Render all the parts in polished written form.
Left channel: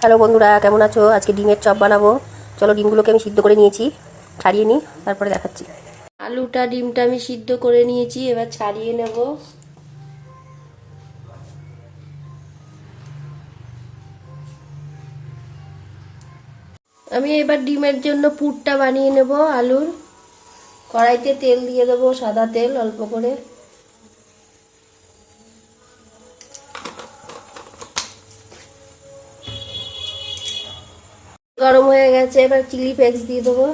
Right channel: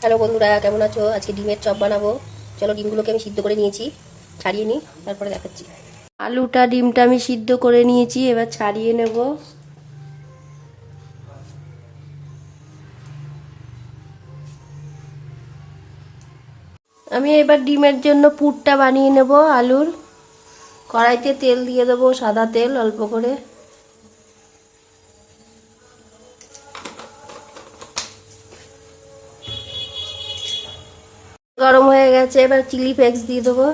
Hello বন্ধুরা, কেমন আছো? আজকে ডিমের চপ বানাবো। চলো, ডিমগুলোকে আমি সিদ্ধ করে নিয়েছি, ছাড়িয়ে নিই, তারপরে দেখাচ্ছি। আলুটা ডিমটা আমি সিদ্ধ করে নিয়েছি, এবার ছাড়িয়ে নেব। আমি এবার ডিমের জন্য পুরটা বানিয়ে নেব। আলুর কড়াইতে তেল দিয়ে দেবো, সাদা তেল অল্প করে। গরম হয়ে গেছে, এবার চিলি ফ্লেক্স দিয়ে দেবো,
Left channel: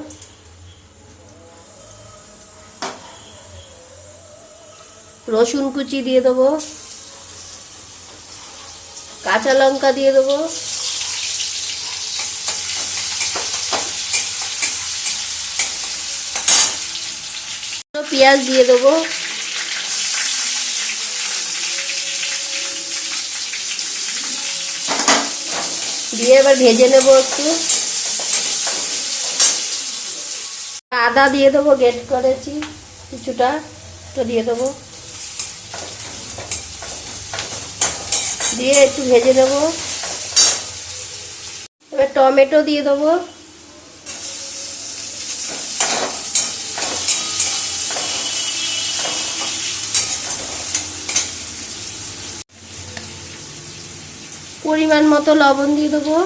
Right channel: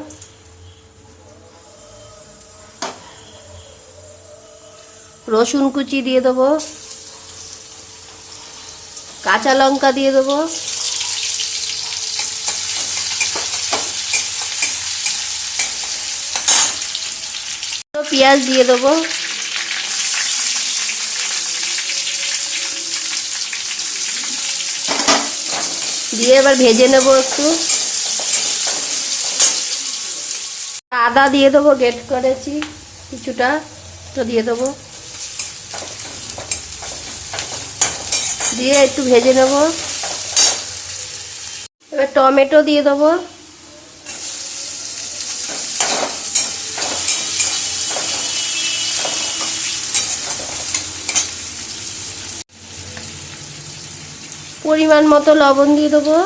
রসুন কুচি দিয়ে দেবো, কাঁচা লঙ্কা দিয়ে দেবো, পেঁয়াজ দিয়ে দেবো, দিয়ে এবার ভেজে নেবো একটু। আদা দিয়ে দেবো, গ্রেট করেছি কিছুটা, তো দিয়ে দেবো, দিয়ে একটু ভেজে নেবো। এবার টমেটো দিয়ে দেবো, পরিমাণ মতো লবণ দিয়ে দেবো,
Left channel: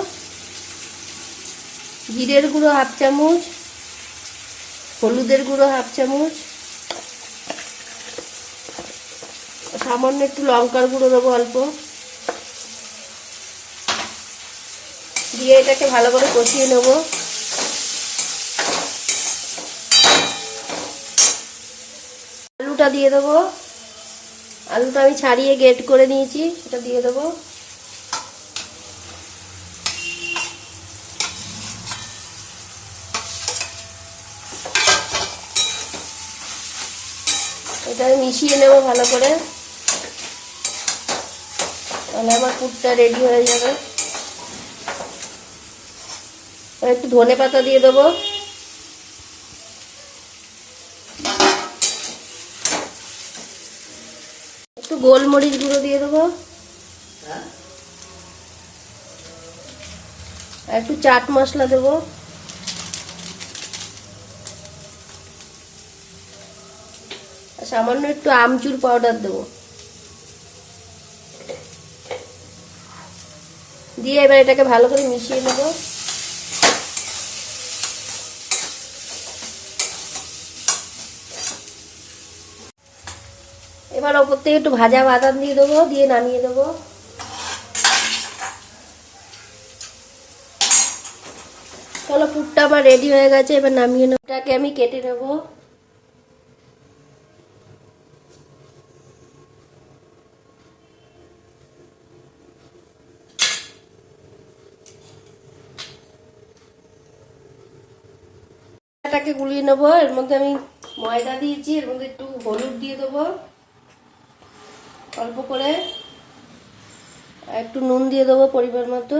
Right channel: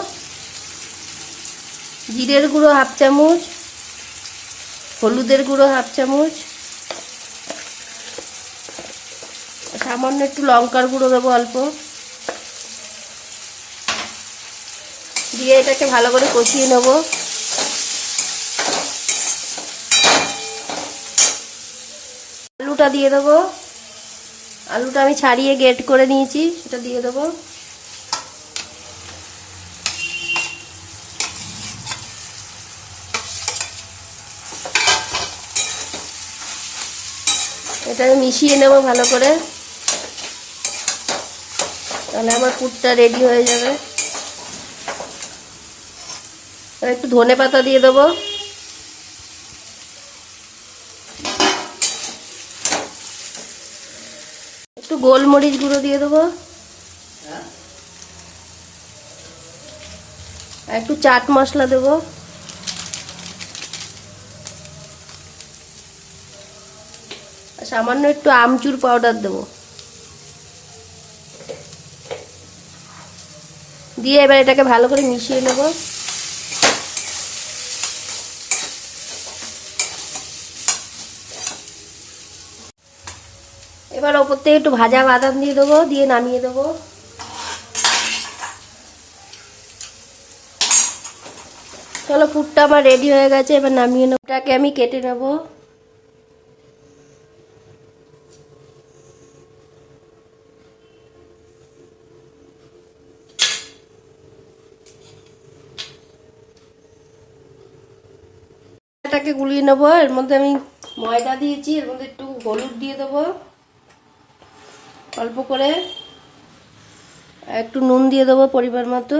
জিরের গুঁড়ো হাফ চামচ, হলুদের গুঁড়ো হাফ চামচ, সামান্য একটু লঙ্কার গুঁড়ো দেবো অল্প, দিয়ে এটাকে ভালো করে কষিয়ে নেব। আলুটা দিয়ে দেবো, আলুটা আমি ছাড়িয়ে গ্রেট করে নিয়েছি, সেটা দিয়ে দেবো। এটা মিশিয়ে নেব ভালো করে, তাহলে আমার পুরটা রেডি হয়ে যাবে। আর একটু ধনে পাতা দিয়ে দেবো, একটু গোলমরিচ গুঁড়ো দিয়ে দেবো, আর একটু চাট মশলা দেবো, আর সামান্য একটু আমচুর পাউডার দেবো, দিয়ে এবার এটাকে ভালো করে মিশিয়ে নেব। এবার ওপর থেকে একটু ভাজা বাদাম দিয়ে দেবো, দিয়ে নামিয়ে দেবো। চলো, পুরটা আমার রেডি হয়ে গেছে, এবার নামিয়ে নেব। এটাকে আমি কেটে নেব। এটাকে গুলিয়ে নেবো। এর মধ্যে আমি ময়দা দিয়েছি, এর মধ্যে একটু হলুদ দিয়ে দেবো অল্প করে, একটু নুন দিয়ে দেবো পরিমাণ মতো,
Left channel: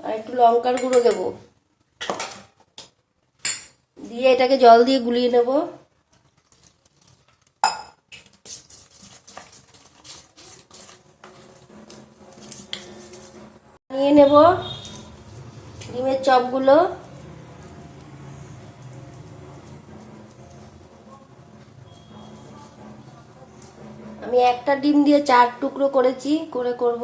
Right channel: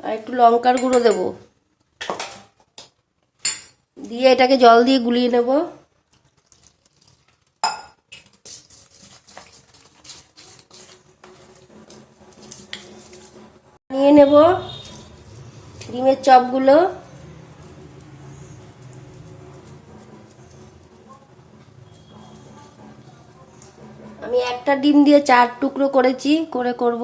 আর একটু লঙ্কার গুঁড়ো দেবো, দিয়ে এটাকে জল দিয়ে গুলিয়ে নেব। নিয়ে নেব ডিমের চপগুলো। আমি একটা ডিম দিয়ে 4 টুকরো করেছি, করব।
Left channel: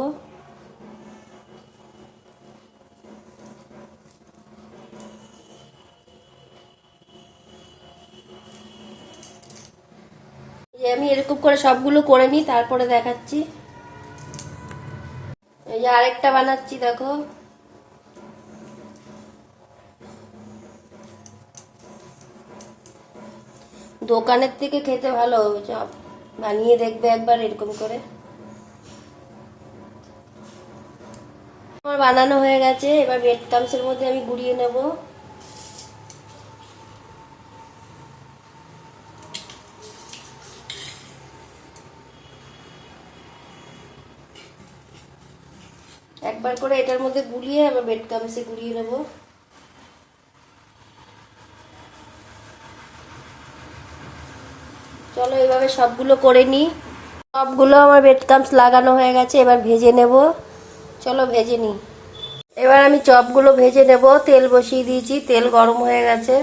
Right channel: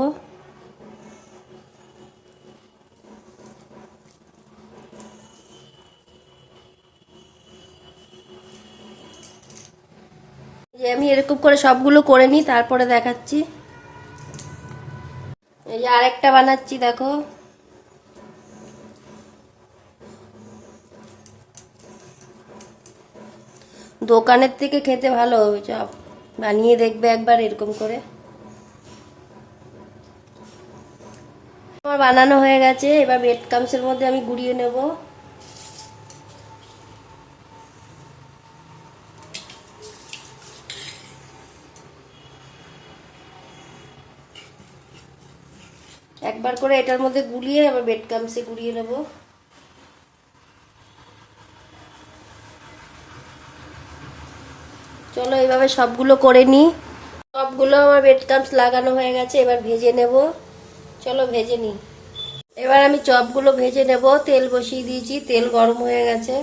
আমি এরকম করে সবগুলো করে নিই, তারপরে দেখাচ্ছি। এই যে আরেকটা বানাচ্ছি, দেখো। দোকানের থেকে খেতে ভালো হবে চপ, বানিয়ে দেখবে একবার এরকম করে। আমার বানানো হয়ে গেছে, এবার ব্রেড ক্রাম্বসের মধ্যে আমি গুঁড়িয়ে নেব। একবার করে এটার মধ্যে গুলিয়ে আবার ব্রেড ক্রাম্বসে গুলিয়ে নেব। চলো, এইভাবে সবগুলো করে নিই। সবগুলো আমার ব্রেড ক্রাম্বস লাগানো হয়ে গেছে, এবার ভেজে নেব। চলো ভেজে নিই। এবার আমি চপগুলো ভেজে নেব। তেল বসিয়ে দিয়েছি, তেল গরম হয়ে গেছে।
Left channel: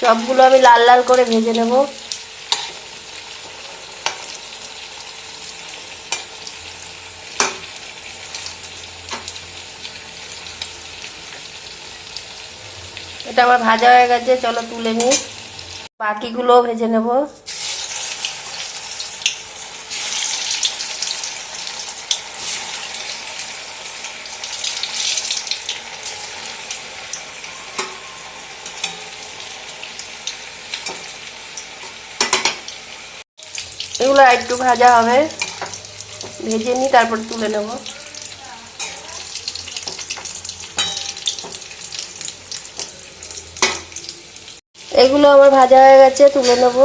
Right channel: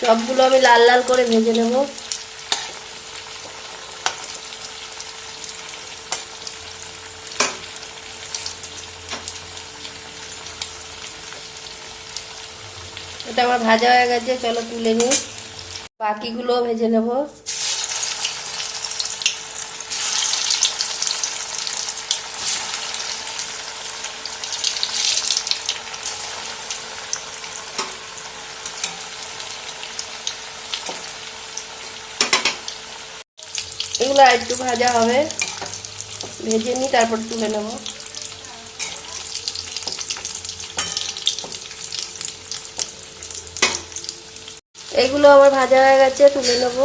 চপগুলো আমি লাল লাল করে ভেজে নেব। এটা আমার ভাজা হয়ে গেছে, চলো তুলে নিই। বাকিগুলো ভেজে নেব। এগুলো একটু ভাজা হবে, ভেজে নিই তারপর তুলে নেব। এগুলো আমার ভাজা হয়ে গেছে, তুলে নেব।